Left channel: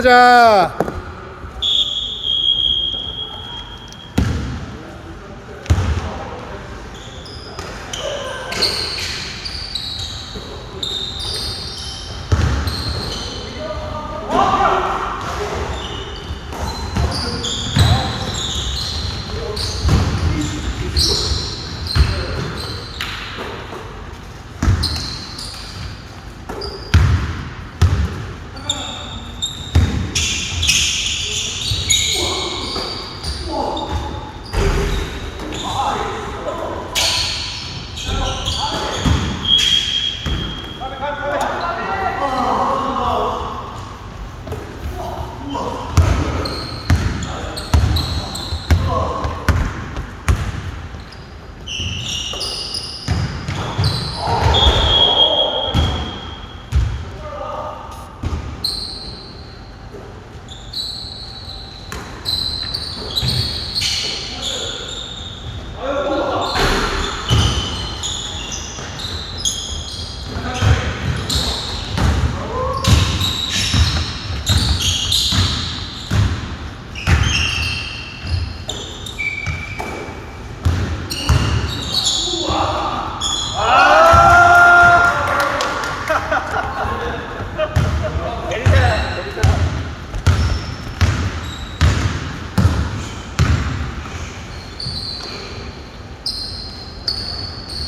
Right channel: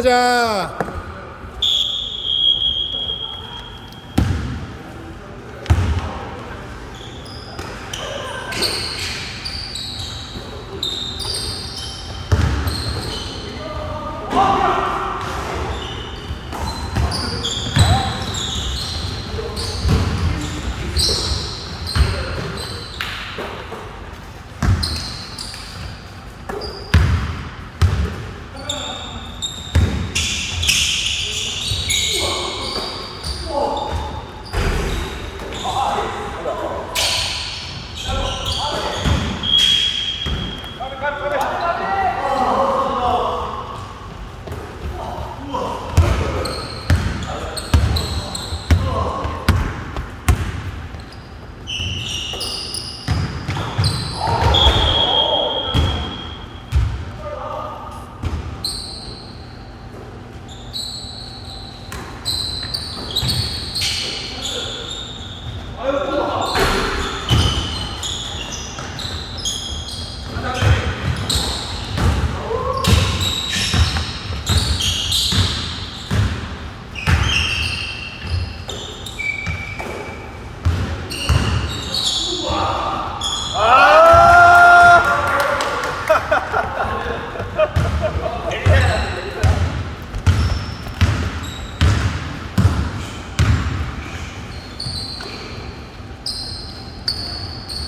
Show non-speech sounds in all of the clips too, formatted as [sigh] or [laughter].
가자.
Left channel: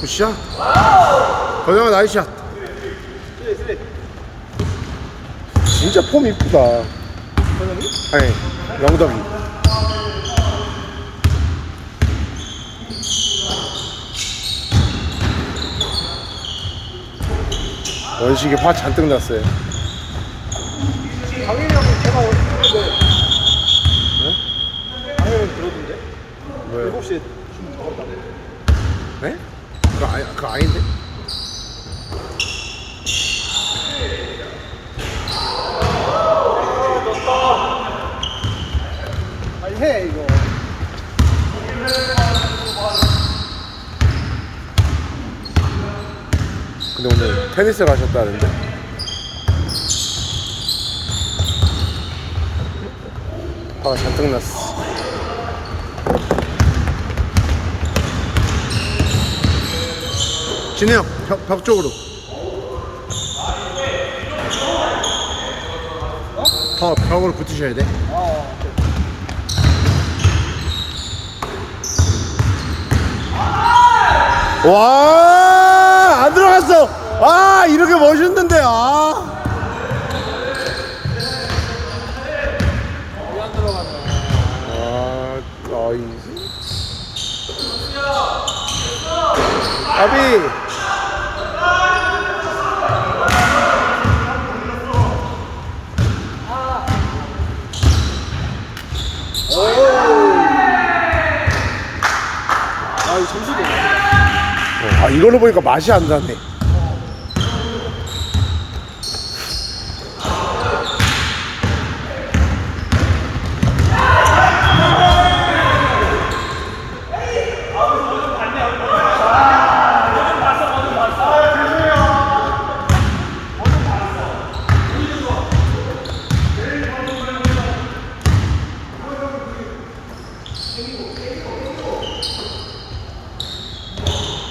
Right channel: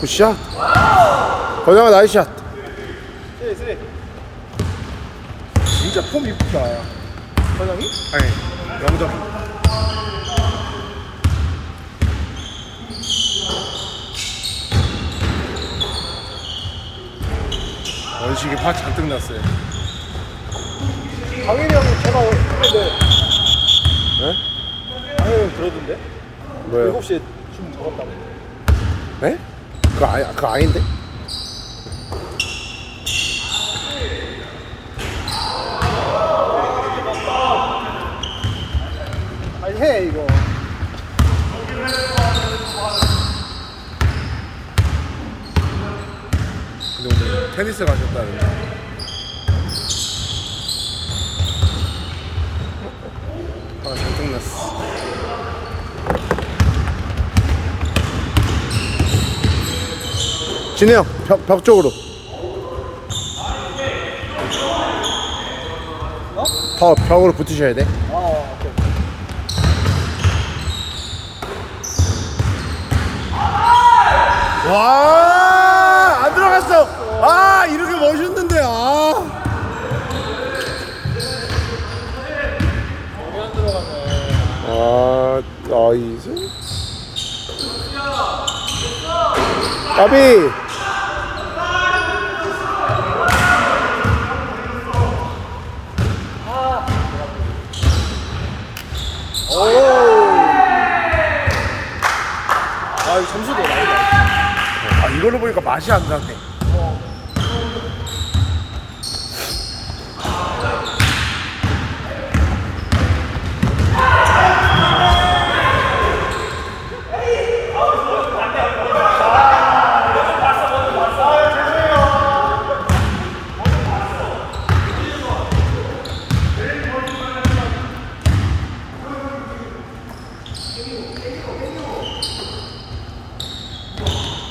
굿샷. 건영아 나이스샷. 진짜 폼 이쁘다. 건영이? 아니 영덕이. 원식이 화 잔뜩 났어요. 강현이 형도 전화 오는데 네? 강현이 형 그러던데 뭐야? 7시에 춤? 그거, 아, 그거 아닌데? 아니 해 이거 근데 오늘 테니스 가셨다는데? 화가 잔뜩 났어. 진영 벽, 벽 쪽으로. 더 벽으로 붙으셔야 돼. 와, 안 들어갔어. 아, 이렇게 멋있는데, 아. 아, 나이스. 까비. 아 이 점수도 나온다 아, 이걸로 보니까 맛이 안 나네.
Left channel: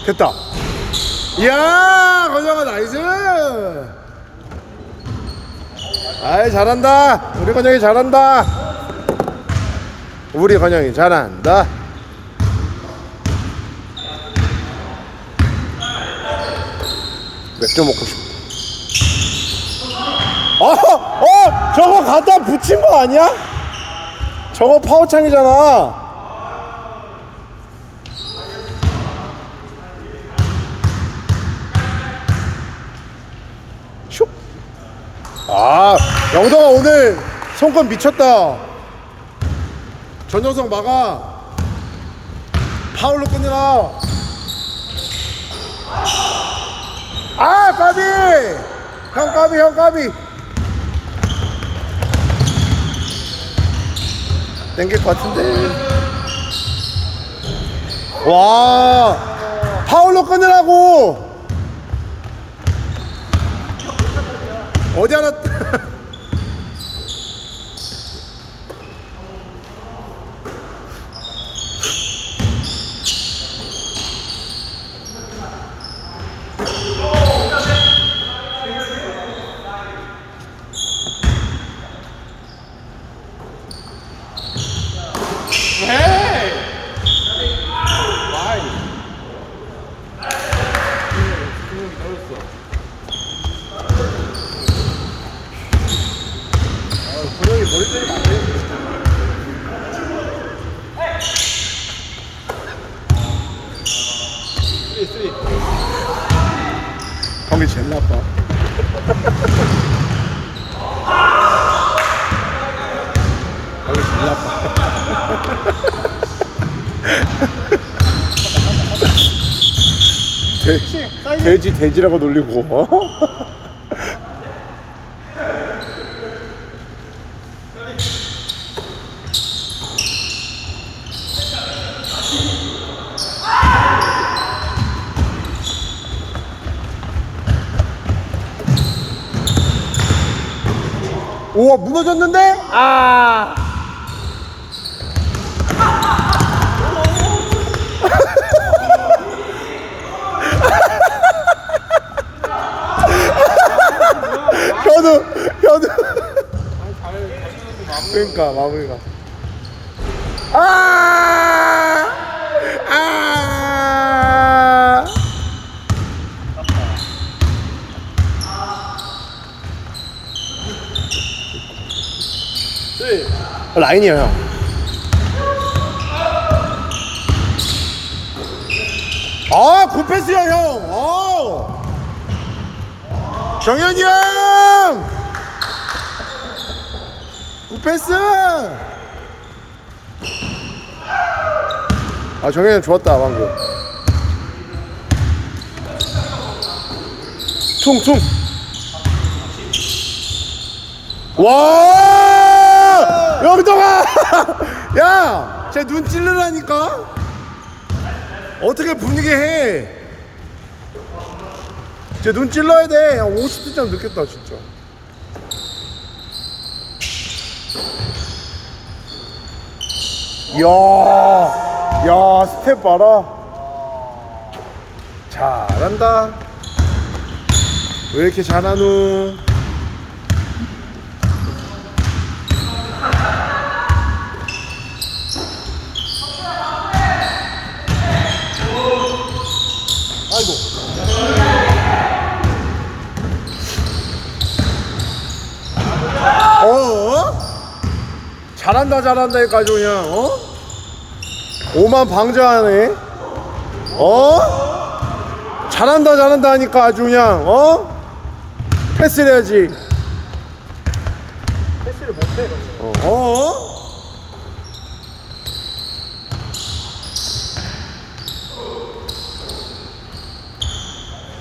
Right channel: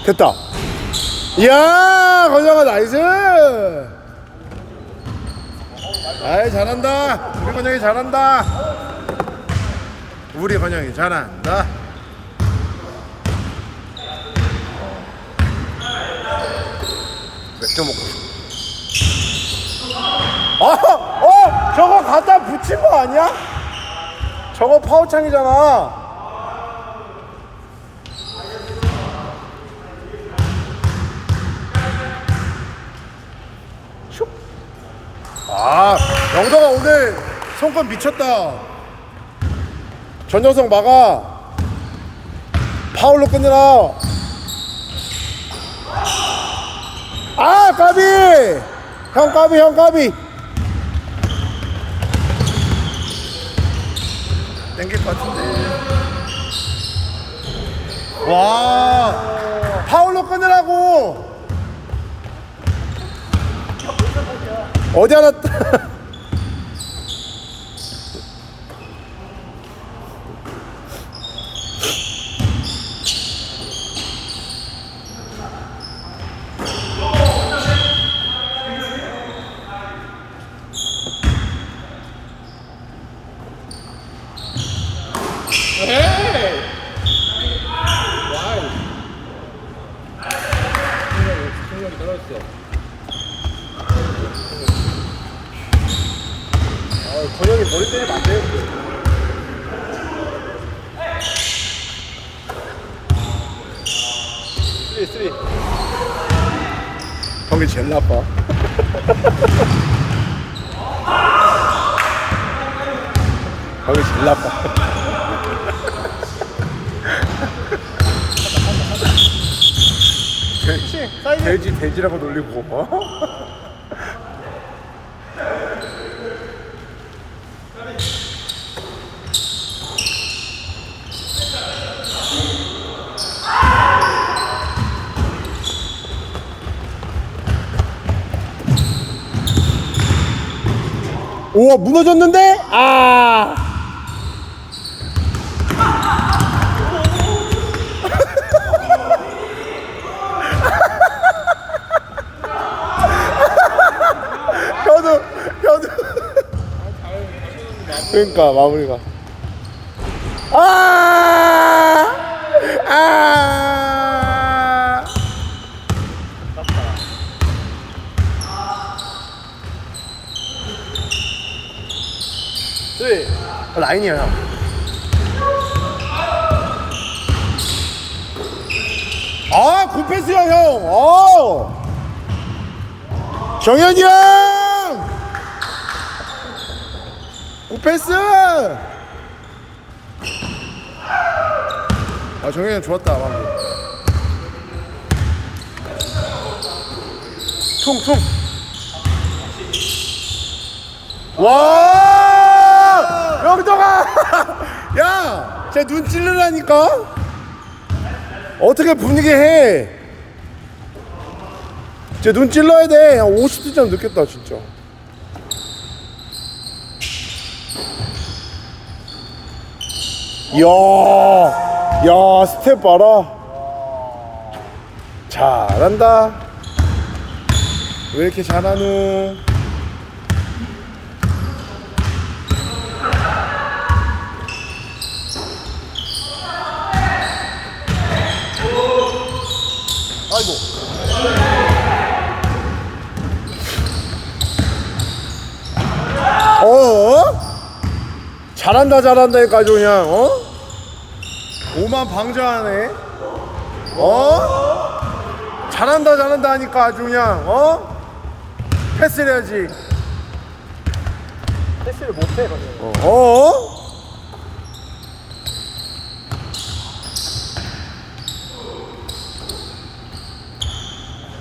됐다. 이야, 건영아 나이스. 아이 잘한다. 우리 건영이 잘한다. 우리 건영이 잘한다. 맥주 먹고 싶어. 아, 어, 저거 갖다 붙인 거 아니야? 저거 파워창이잖아. 아, 영정아 오늘 손금 미쳤다. 전여성 막아. 파울로 끝내라. 아, 까비. 형 까비, 형 까비. 땡길 것 같은데. 와, 파울로 끊으라고. 어디 하나 [laughs] 머리 때리면 안 돼. 쓰리, 쓰리. 형이 제일 나빠. 형이 제 일 나빠. 돼, 사이드. 돼지 돼지라고 놀리고 어? 우와 무너졌는데? 아 현우 현우 그러니까 마무리가 아! 아! 쓰리. 라인이야 형. 아 굿패스야 형 어. 정현이 형 굿패스! 아 정현이 형 좋았다 방금. 퉁 퉁. 와! 여기다가 [laughs] 야쟤 눈 찔르라니까? 어떻게 분위기 해? 쟤 눈 찔러야 돼. 50점 느꼈다 진짜. 이야, 야 스텝 봐라. 잘한다. 왜 이렇게 잘하노? 아이고. 어? 잘한다 잘한다니까 아주 그냥 어? 오만 방자하네 어? 잘한다 잘한다 하니까 아주 그냥 어? 패스를 해야지 패스를 못해. 어? 어?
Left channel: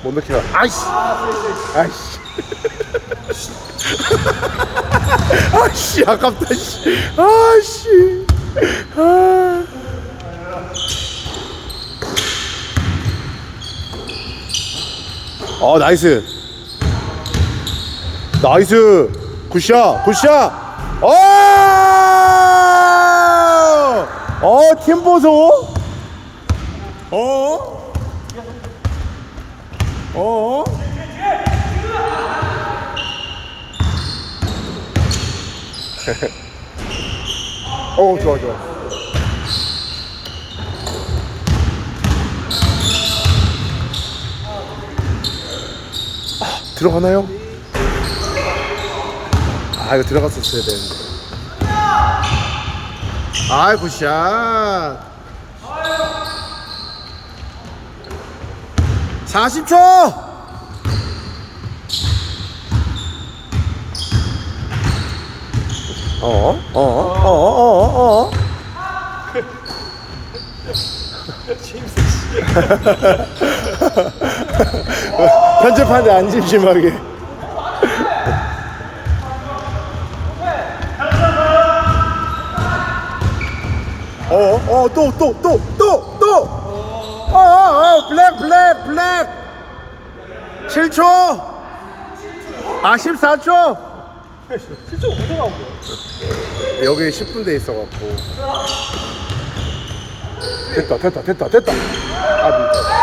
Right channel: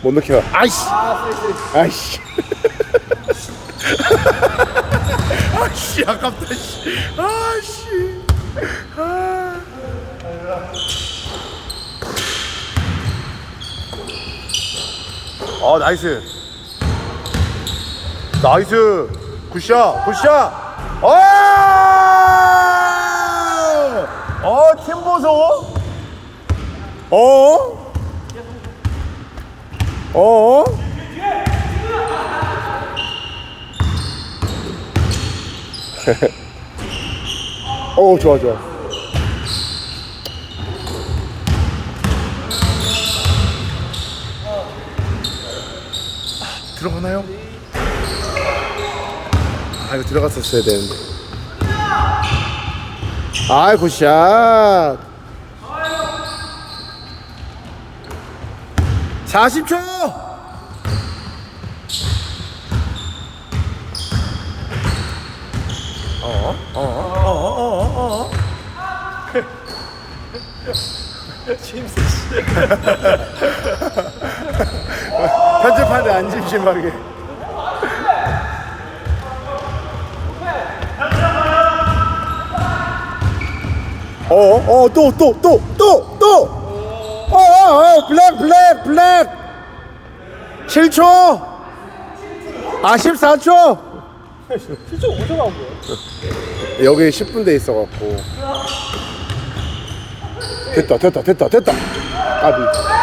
못 넣겨 아이씨 아이씨 [laughs] [laughs] 아씨 아깝다 씨 아씨 아. 어 나이스 나이스 굿샷 굿샷 어! 어, 팀 보소. 어? 어? 어, 좋아, 좋아. 아, 들어가나요? 아, 이거 들어갔었어야 되는데. 아이 굿샷 40초 어? 어? 어? 어? 어? 어? 심스, [laughs] 씨. 편집하는데 안 심심하게 어? 어? 또 또 또 또 또 어? 어? 어? 블랙 블랙 블랙 7초 아 14초 실제 무서워하고. 여기 10분 돼 있어갖고. 됐다 됐다 됐다 됐다. 까비